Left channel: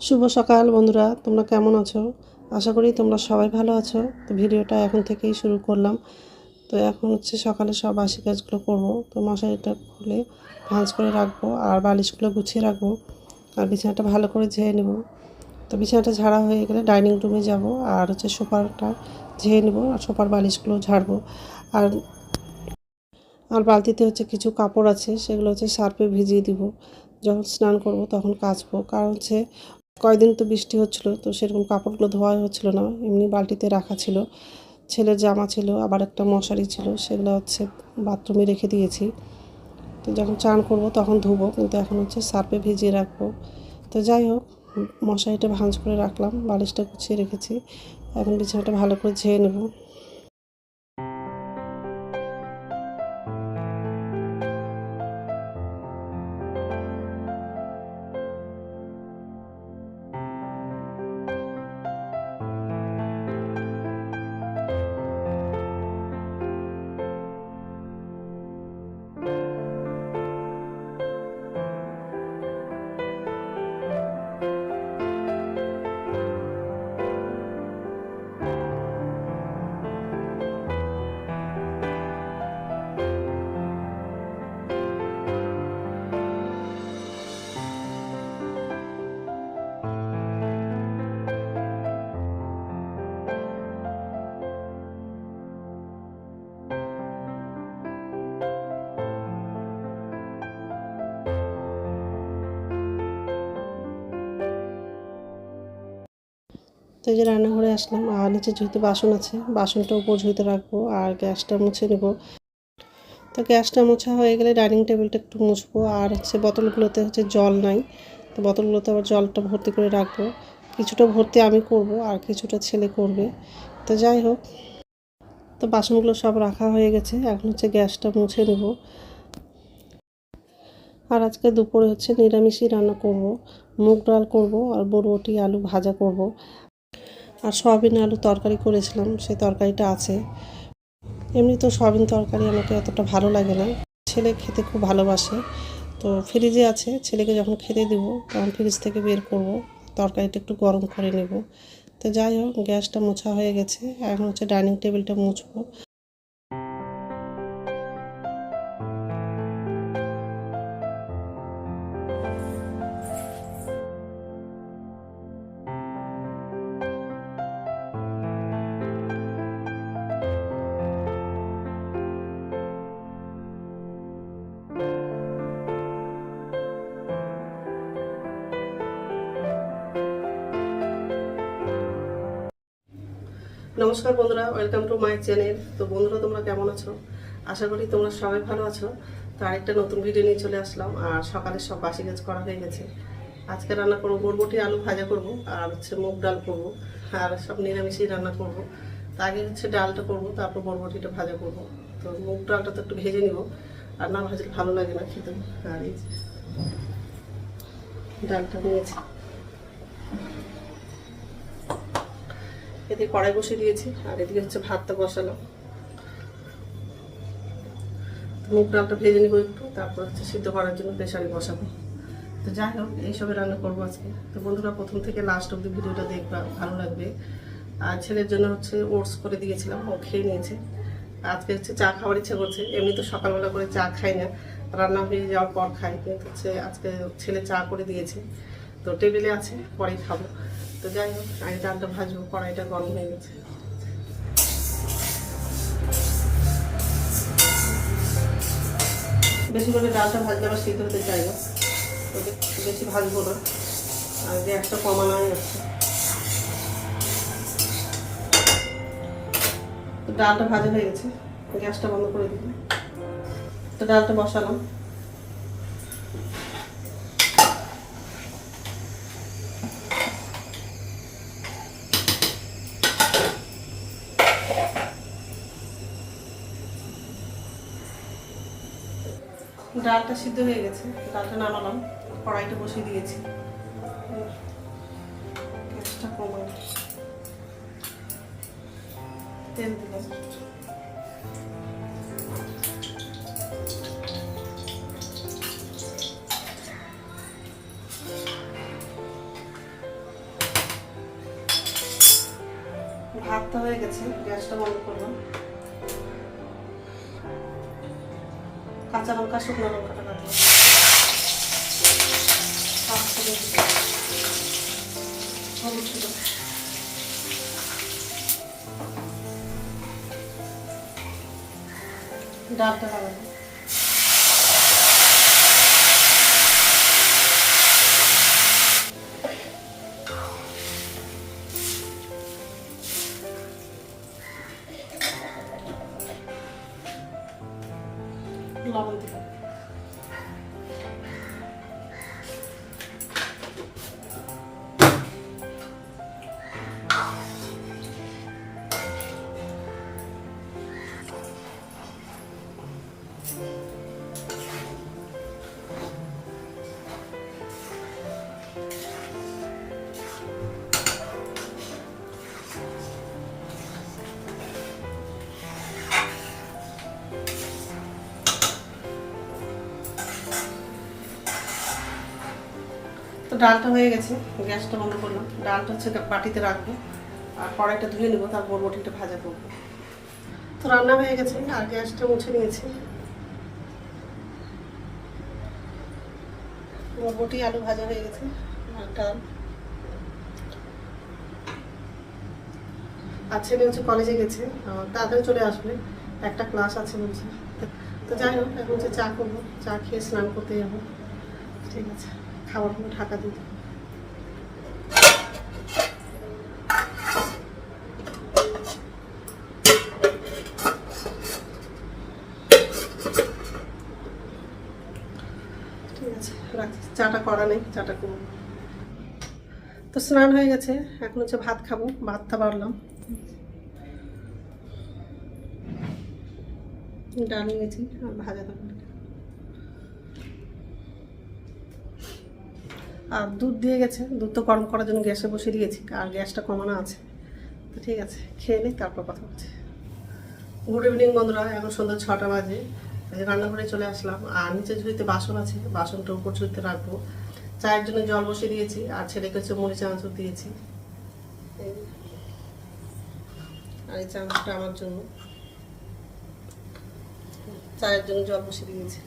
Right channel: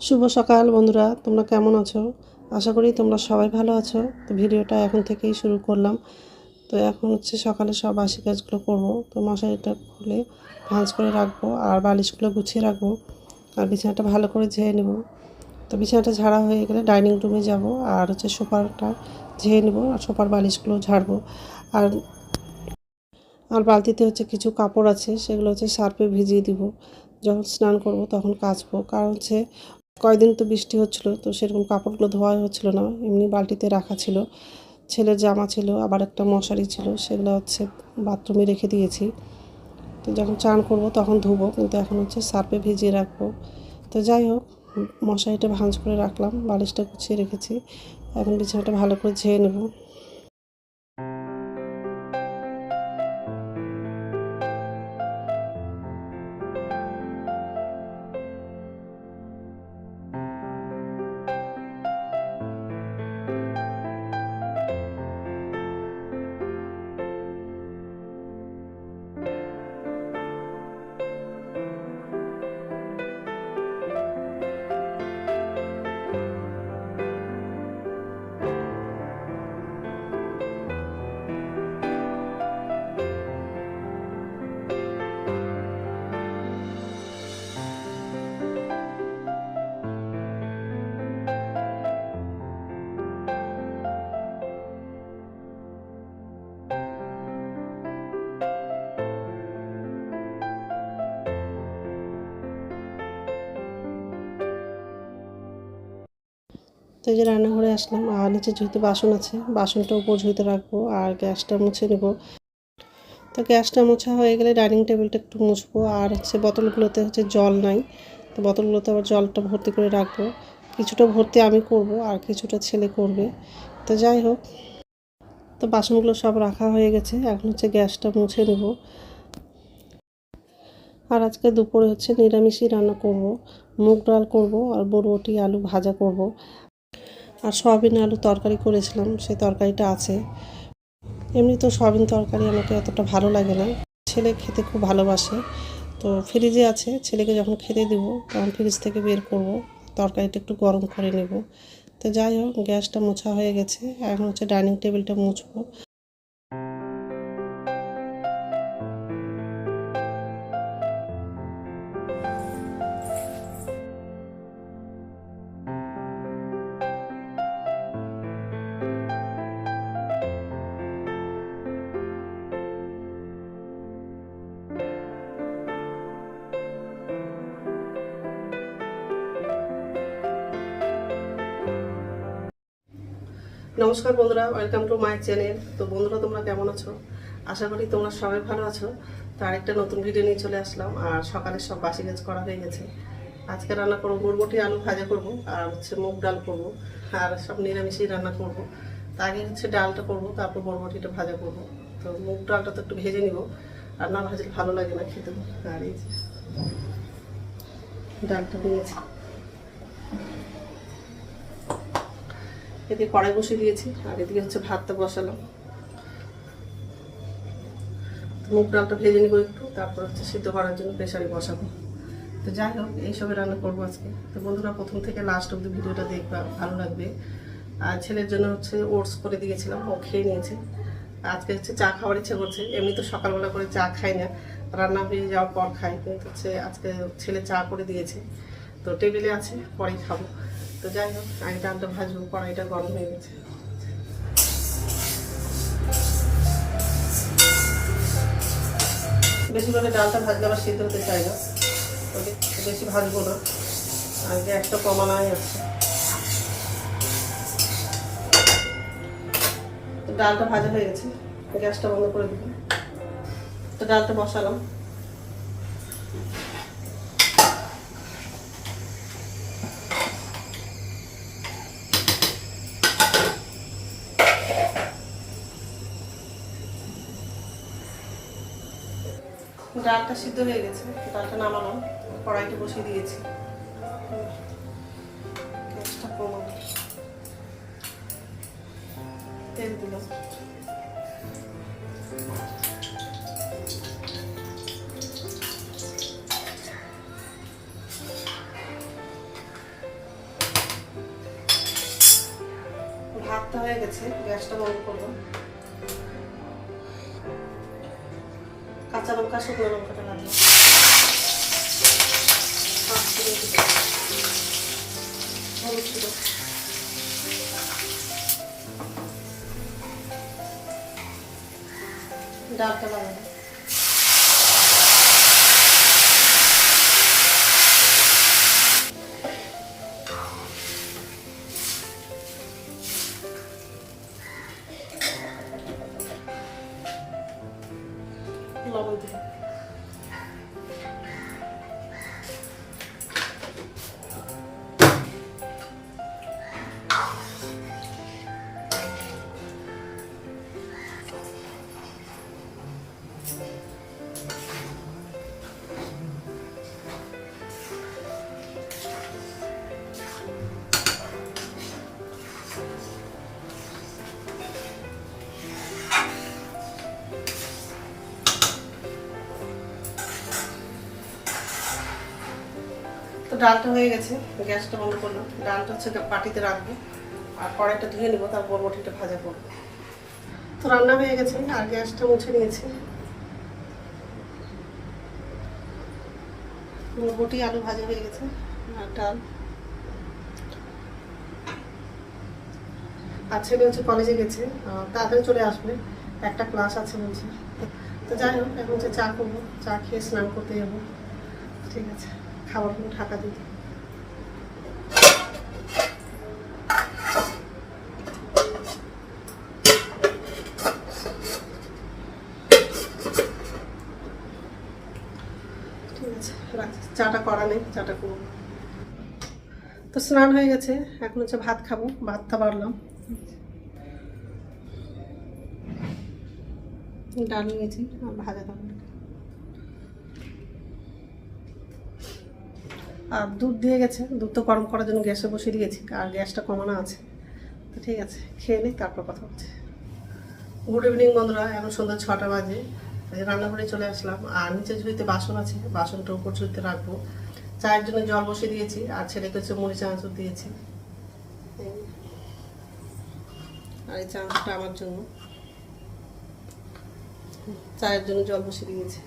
শুভ সকাল বন্ধুরা, তোমরা কেমন আছো? আশা করি তোমরা সবাই ভালো আছো। তো ভিডিওটা এখন থেকেই শুরু করলাম। তো এখন হচ্ছে সকালে সব বাসি কাজগুলো করব। তো মশারিটা খুলে ভাঁজ করে রাখব আর বালিশগুলো গুছিয়ে রাখব আর বিছানাটা ভালো করে ঝেয়ে নেব। তো বিছানাটা ঝাড়া হয়ে গেলে ডাইনিং রুমে যাব আর হচ্ছে সোফারটা ঝেয়ে নেব আর সোফার বালিশগুলো ঝাড়বো। আর আর বালতিতে হচ্ছে কিছু কাপড় আছে, সেগুলো হচ্ছে সার্ফে ভিজিয়ে দিব। যখন স্নান করব তখন কাচবো। কারণ হচ্ছে কয়দিন তো বৃষ্টি হচ্ছিল, তো সেরকম কাপড়গুলো ধোয়া হচ্ছিল না, এমনি বালতিতে রাখা ছিল। ছেলের জামা ছিল, আবার একটা মশারি ছিল, সেগুলো হচ্ছে বাথরুমে রেখে দিয়েছি। তো যখন চান করব তখন ধুবো, কিন্তু এখন হচ্ছে সার্পে ভিজিয়ে রাখব। তো যাই হোক, মশারিটা ভাঁজ করে রাখলাম, বালিশটা গুছিয়ে রেখেছি। এখন বিছানাটা ভালো করে ঝেয়ে নেব। এই যে রান্নাঘরে আসলাম, আর নিচে ঝুঁতে বাসন আছে, বাসনটা উপর ঝুঁতে রাখব আর গ্যাসটা মুছে নেব। তো গ্যাসটা মোছা হয়ে গেলে ডাইনিং টেবিলটা একটু মুছবো, আর হচ্ছে বোতলগুলোতে হচ্ছে জল নাই। তো বোতলগুলোতে আবার জলটা ভর্তি করে রাখব। কিছুটা ভর্তি আমি করব, আর কিছুটা ছেলে করবে। তো যাই হোক, তো বাসনগুলো সব রাখা হয়ে গেছে, এখন হচ্ছে গ্যাসটা মুছে নেব। আর আজকে দুপুরে হচ্ছে নিরামিষই রান্না করব, মুগ ডাল করব, আর বরবটি আলু ভাজা করব। আর সয়াবিন আলু তরকারি করেছিলাম, সেই তরকারিটা আছে। এমনি তো সয়াবিন তরকারি আমাকে অতটা ভালো লাগে না। ছেলে খেতে খুব ভালোবাসে। তো ফ্রিজে আছে, ছেলেকে যখন খেতে দিব, তখন ফ্রিজ থেকে বের করব, তরকারিটা একটু গরম করে নেব। তো যাই হোক, গ্যাসটা মোছা হয়ে গেছে, এখন হচ্ছে ডাইনিং টেবিলটা মুছবো। নমস্কার বন্ধুরা ওয়েলকাম টু মাই চ্যানেল তো বন্ধুরা, তোমরা কেমন আছো? আশা করি তোমরা সবাই ভালো আছো। তো আরেকটা নতুন ভিডিও নিয়ে চলে আসলাম, আর সকালে সব বাসি কাজ করা হয়ে গেছে। আজকে রান্না করব, বরবটি আলু ভাজা করব, আর হচ্ছে মুগ ডাল করব, আর সব নিরামিষই রান্না করব। তা আগে হচ্ছে ডালটা করব, তারপর বরবটিটা ভাজা করব। তো মুগ ডালটা তো একটু ভেজে নিব, আর না ভাজলে ভালো লাগে না খেতে। আর এই ডালটা দিয়েছি এদিকে কড়াই বসিয়ে দিয়েছি, আর এদিকে হচ্ছে ভাতটা বসালাম। মুগ ডালটা ভেজে নিব একটু, তারপর হচ্ছে সিদ্ধ করার জন্য প্রেশারে বসাবো। তো যাই হোক, এইসবে রান্না করব আজকে। তো বন্ধুরা, প্রথম থেকে লাস্ট অব্দি ভিডিওটা দেখবা, ভালো লাগবে। আর ছেলের জন্য হচ্ছে ওটস করে দিয়েছিলাম, ও খেয়ে নিয়েছে। আজকে হচ্ছে চা খাওয়ার ইচ্ছা করছে, এমনি তো সকালবেলা করে চা খাই না। রান্না হয়ে যাওয়ার পর খাই, কিন্তু হচ্ছে আজকে ছেলে চা করে দিয়েছে। তো টেবিলে আছে পরেই খাব। তো যাই হোক, আগে ডালটা ভাজবো, কড়াইটা গরম হয়ে গেছে। বেশি করে ডালটা ভাজলে আবার সিদ্ধ হতে চাই না। বেশি ভাজবো না। আর গ্যাসটা কমানোই আছে। ডালটা ভাজা হয়ে গেছে। গ্যাসটা বন্ধ করে দিব। তো ডালটা বসালাম। ডালটা সিদ্ধ হয়ে গেছে ডালটা নামালাম। কড়াইটা বসিয়ে দিয়েছি। গ্যাসটা কমাল তেল দিলাম। ভাতটা হয়ে গেছে, গ্যাসটা বন্ধ করলাম। কাঁচা লঙ্কা শুকনো লঙ্কাটা লাগবে। হলুদ গুঁড়ো। ডালটা লাগাবো লবণ দিতে হবে। তো ডালটা হয়ে গেছে, গ্যাসটা বন্ধ করলাম। ডালটা হচ্ছে বাটিতে রাখব। আর কড়াইটা ধুয়ে নেব, তারপর রুটিটা ভাজা করব। তো রান্না হয়ে গেছে, আর গ্যাসটা মুছে নিয়েছি। রুটি, আলু ভাজা হয়ে গেছে, আর ডাল। আর ছেলে হচ্ছে কলেজে গেছে তাড়াতাড়ি চলে আসবে। একটা ক্লাস আছে বলছে। তো যাই হোক, এখন হচ্ছে চা করব, চা খেয়ে স্নান করতে যাব। ঠিক আছে। খাবারগুলো ঢাকা দিতে ঠিক আছে, রাখছি। চাটা করা নেই, চাটা করব। তো স্নান হয়ে গেছে, এখন হচ্ছে ভাত খাব, ভাতটা বাড়লাম। ডাল নিয়েছি, আর ভাজা দেবো আর দুধ দিয়ে গেছে। দুধ তো গরম করার জন্য গ্যাসে বসিয়ে দিয়েছি, আর গ্যাসটা কমানো আছে। তো ঠিক আছে, খেয়ে নিই তারপর কথা হচ্ছে। গুড ইভিনিং বন্ধুরা, এখন সন্ধ্যা ছটা বাজে। রান্নাঘরে চলে আসলাম, আর নিচে ঝুড়িতে বাসন আছে, বাসনটা উপর ঝুড়িতে রাখব। চায়ের জন্য জল বসিয়ে দিয়েছি, আর ছেলেকে হচ্ছে মুড়ি চানাচুর দিয়েছি। আর এই চানাচুরটা আমার জন্য। চায়ের জন্য জল বসিয়ে দিয়েছি।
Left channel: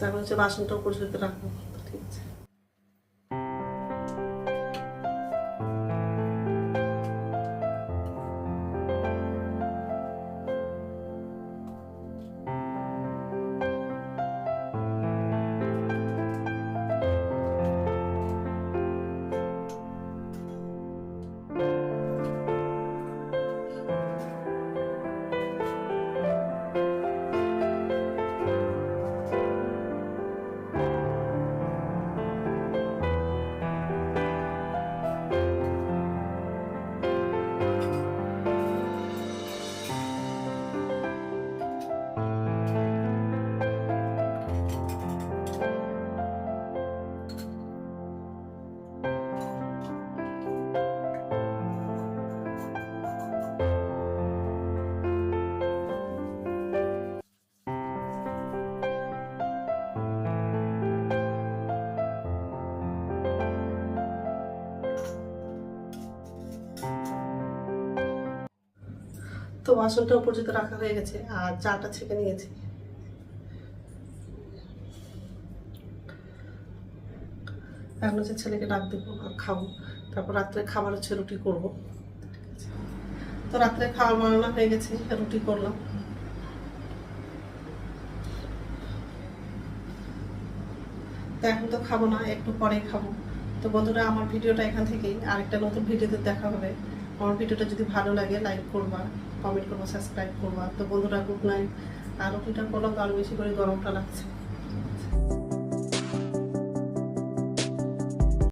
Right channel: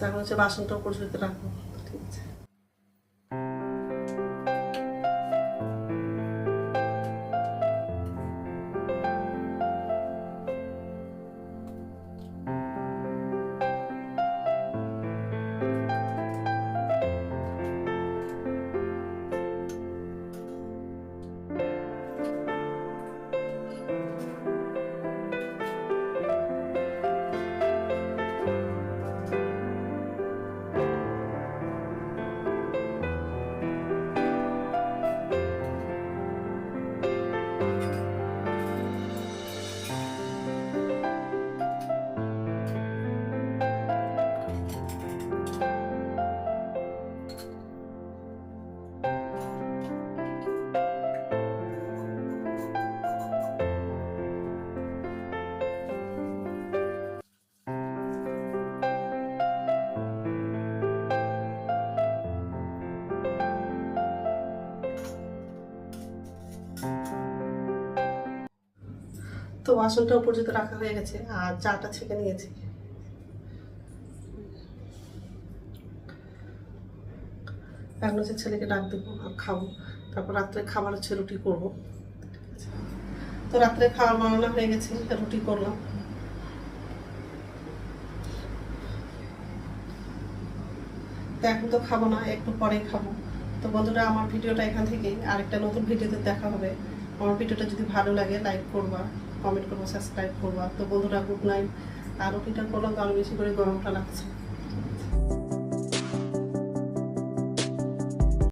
তারপর হচ্ছে বাসনটাও পরিশুদ্ধ রাখব। ঠিক আছে। তো বাসনটা উপর যেতে রাখা হয়ে গেছে, আর চাটা ছেঁকে নিয়েছি। এখন হচ্ছে ছেলেকে ডাক দেবো, আর খাব। তারপর রাত্রে খাবার হচ্ছে রুটি করব। তো রাত্রে খাওয়ার বানানো হয়ে গেছে, রুটি করলাম। তো এখন তো খাব না, একটু পরেই খাব। তো বন্ধুরা, আমার ভিডিওটা এখান থেকেই। আরেকটা নতুন ভিডিওতে দেখা হবে। আমার ভিডিওটা যদি ভালো লাগে লাইক করবা। কমেন্ট করব সাবস্ক্রাইব করবা। তো বন্ধুরা গুড নাইট আরও কিটা করলাম আরও বেশি করে গরমটা লাগছে।